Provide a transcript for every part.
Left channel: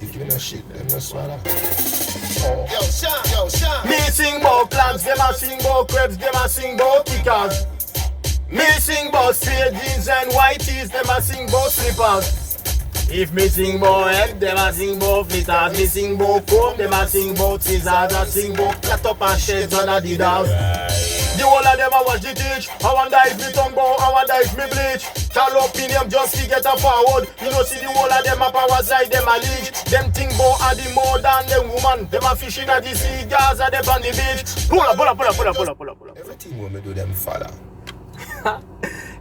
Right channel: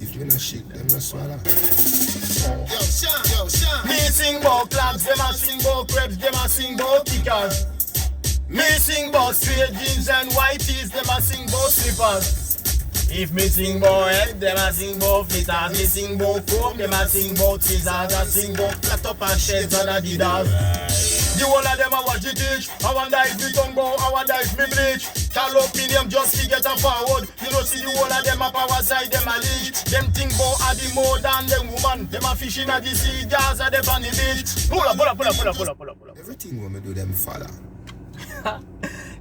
If you no shit, them no swallow. Yo, Sean. Me sing about clams, them a sing about crepes, them a sing about kickers. Me sing about straight jeans and white tees, them a sing about slippers. If me sing about head, them a sing about flitters. Me sing about comb, them a sing about scissors. I sing about cut up and sheds on Adidas. The whole of them a watch the teach. I wonder if me tongue bow, I wonder if me bleach. Call up in them just to get a forward. You know see the whole of them a power side, them a leech. Them think bout a the more than them woman. Them a fishing at the sea, jars at them on the beach. Pull up. Everything when me do them follow.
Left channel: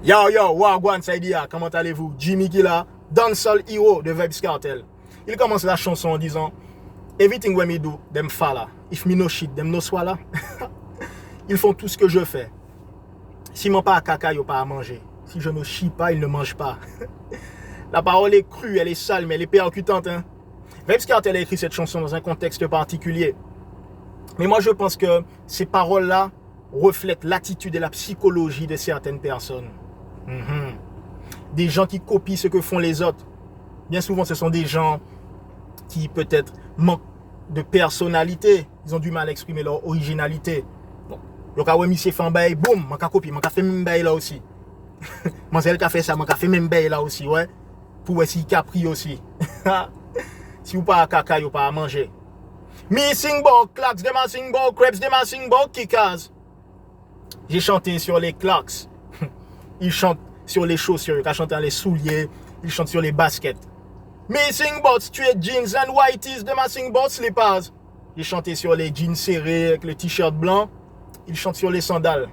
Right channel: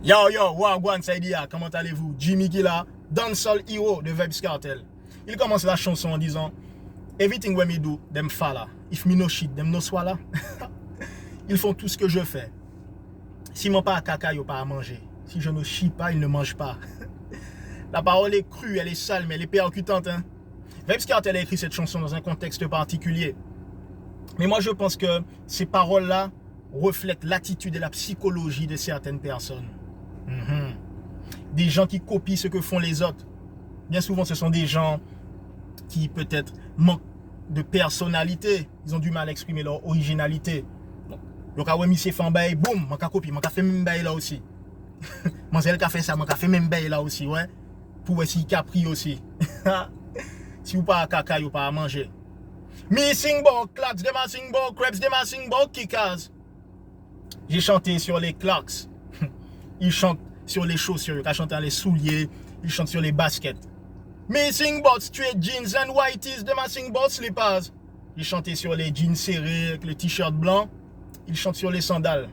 Yo, wagwan ça dit, comment allez-vous? Jimmy Killa, dancehall hero de Vybz Kartel. Il commence la chanson en disant Everything when me do, them follow. If me no shit, them no swallow. Ils font tout ce que je fais. Si mon pas à caca, ils pas à manger. Si je ne chie pas, ils ne mangent pas. La parole est crue, elle est sale, mais elle est percutante. Hein? Vybz Kartel a écrit cette chanson dans un contexte particulier. Mais moi, je pense que ces paroles-là reflètent l'attitude et la psychologie de certaines personnes. Des gens qui copient ce que font les autres. Bien souvent, ce sont des gens qui peut-être manquent de personnalité. Ils ont du mal à exprimer leur originalité. Le cas où monsieur fait un bail, boum, je vais copier, je vais faire même bail là aussi. Moi, c'est elle qui a fait ça, je vais faire même bail là aussi, ouais. Pour essayer capri aussi. Si vous pas à caca, vous pas à manger. Me sing about clacks, them a sing about crepes, them a sing about kickers. J'ai chanté sur les clacks. Ils chantent sur les chaussures, ils chantent dans les souliers, ils chantent sur les baskets. Me sing about straight jeans and white tees, them a sing about slippers. J'ai chanté sur les jeans serrés avec le t-shirt blanc. Ils chantent sur les sandales.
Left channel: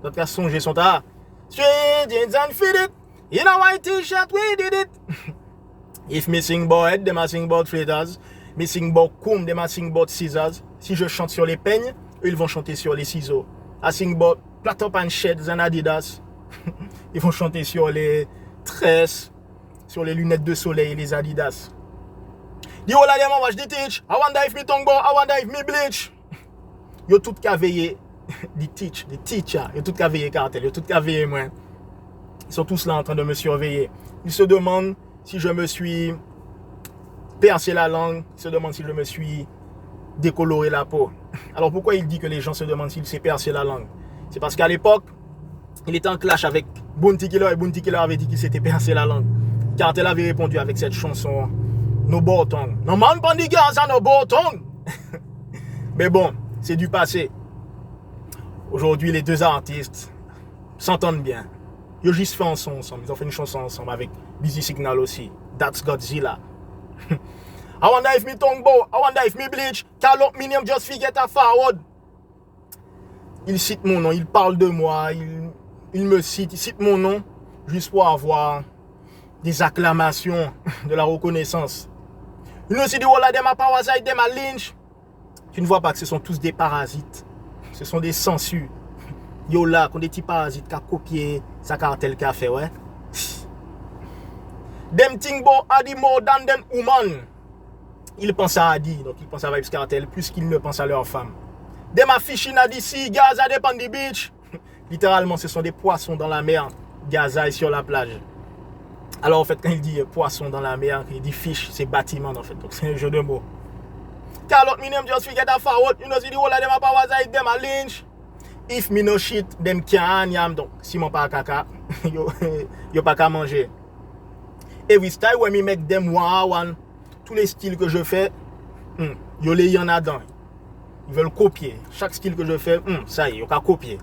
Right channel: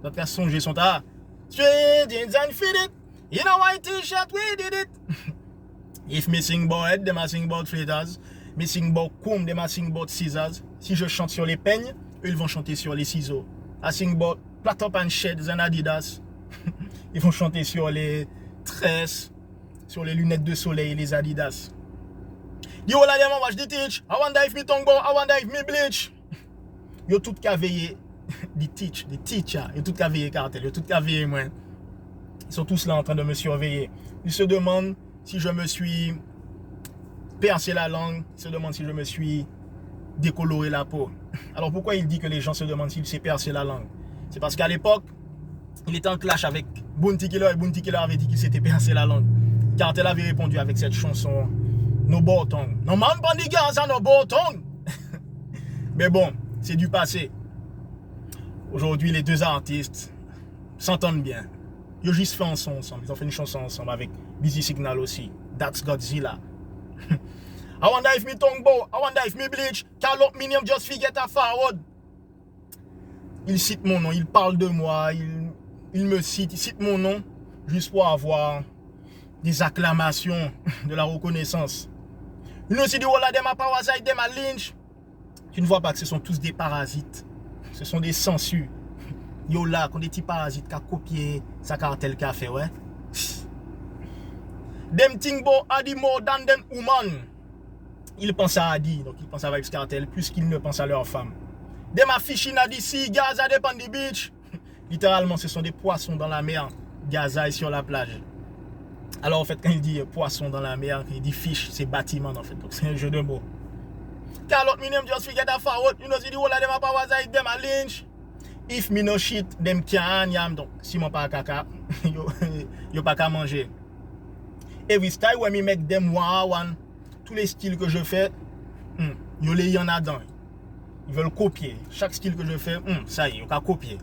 D'autres cas songés sont à straight jeans and fitted. In a white t-shirt, we did it. If me sing about head, them a sing about flitters. Me sing about comb, them a sing about scissors. Si je chante sur les peignes, eux ils vont chanter sur les ciseaux. I sing about flat up and sheds and Adidas. Ils vont chanter sur les tresses, sur les lunettes de soleil et les Adidas. The whole of them a watch the teach. I wonder if me tongue bow, I wonder if me bleach. Yo tout ka veillé. The teacher, ils ont tout qu'à veiller Kartel, ils ont tout qu'à veiller moi. Ils sont tous là en train de me surveiller. Ils se demandent si je me suis percé la langue, ils se demandent si je me suis décoloré la peau. Alors pourquoi il dit que les gens se demandent s'il s'est percé la langue? C'est parce qu'à l'époque, il était en clash avec Bounty Killer et Bounty Killer avait dit qu'il s'était percé la langue. Kartel avait répondu avec cette chanson No Botong. No man bandi gaz no Botong. Mais bon, c'est du passé. Aujourd'hui, les deux artistes s'entendent bien. Ils ont juste fait un son ensemble. Ils ont fait une chanson ensemble avec Busy Signal aussi. That's Godzilla. I wonder if me tongue bow. I wonder if me bleach. Call up me name just forget a forward. Il cite mon nom. Il parle de moi. Il me cite. Il cite mon nom juste pour avoir des acclamations, de la reconnaissance. You know, see the whole of them a parasite, them a lynch. Tu ne vois pas que ce sont tous des parasites. Ce sont des sangsues. Yo là, qu'on des petits parasites qui ont copié sa Kartel qui a fait, ouais. Them think about Adi more than them woman. Ils pensent à Adi, donc ils pensent à Vybz Kartel plus qu'ils ne pensent à leur femme. Them a fishing at the sea, Gaza at the beach. Littéralement, ce sont des poissons dans la mer. Gaza est sur la plage. Alors en fait, quand il dit poisson dans la mer, il dit fish, c'est bâtiment en fait. Donc c'est un jeu de mots. Call out me name just forget a forward. You know see the whole of them a powers like them a lynch. If me no shit, them can't yam. Donc si mon pas caca, yo pas qu'à manger. Every style when me make them one, tous les styles que je fais, yo les y en a dedans. Ils veulent copier. Chaque style que je fais, ça y est, yo qu'à copier.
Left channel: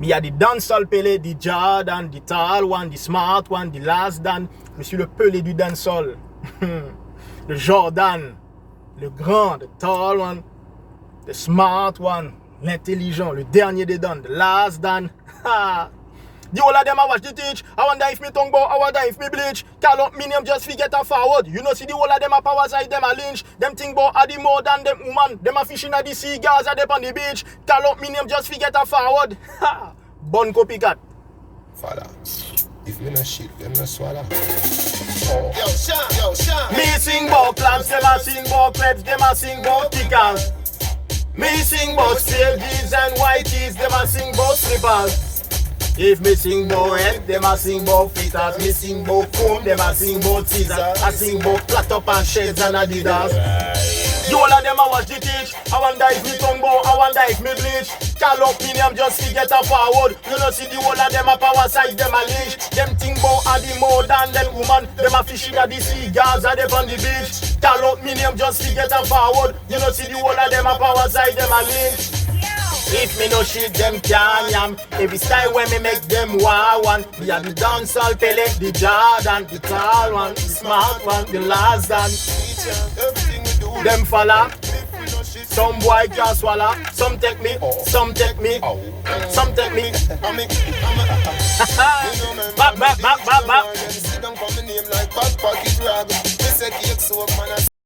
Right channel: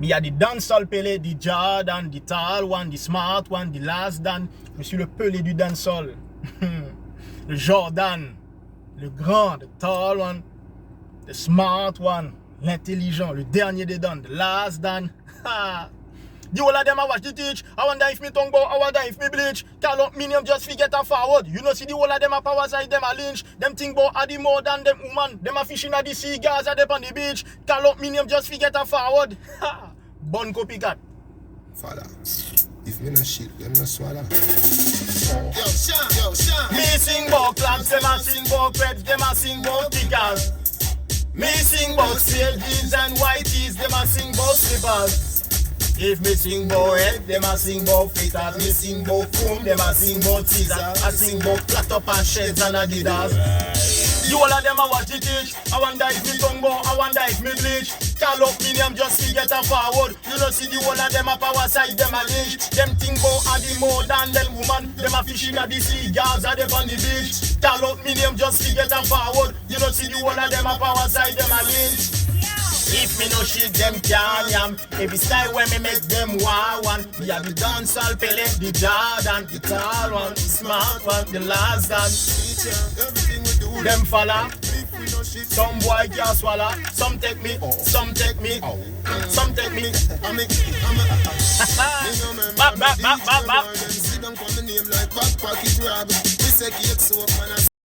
Mais il y a des dancehall pelé, des Jordan, des tall one, des smart one, des last dan. Je suis le pelé du dancehall. Le Jordan, le grand, le tall one, le smart one, l'intelligent, le dernier des dan, the last dan. The whole of them I watch the teach. I wonder if me tongue bow, I wonder if me bleach. Call up me name just forget a forward. You know see the whole of them a powers like them a lynch. Them think bout Adi more than them woman. Them a fishing at the sea, Gaza they on the beach. Call up me name just forget a forward. Bon copycat. Father, if me no shit, them no swallow. Yo, Sean. Me sing bout clams, them a sing bout crepes, them a sing bout kickers. Me sing bout straight jeans and white tees, them a sing bout slippers. If me sing bout head, them a sing bout feet. As me sing bout comb, them a sing bout teaser. I sing bout flat up and shades and Adidas. The whole of them a watch the teach. I wonder if me tongue bow, I wonder if me bleach. Call up me name just to get a forward. You know see the whole of them a power side, them a leash. Them think bout a the more than them woman. Them a fishing at the sea, girls are them on the beach. Call up me name just to get a forward. You know see the whole of them a power side, them a leash. If me no shit, them can't yam. Every style when me make them war one. We are the dancehall Pele, the Jordan, the tall one, the smart one, the last one. Them falla. Some boy can't swallow. Some take me, some take me, some take me. Back.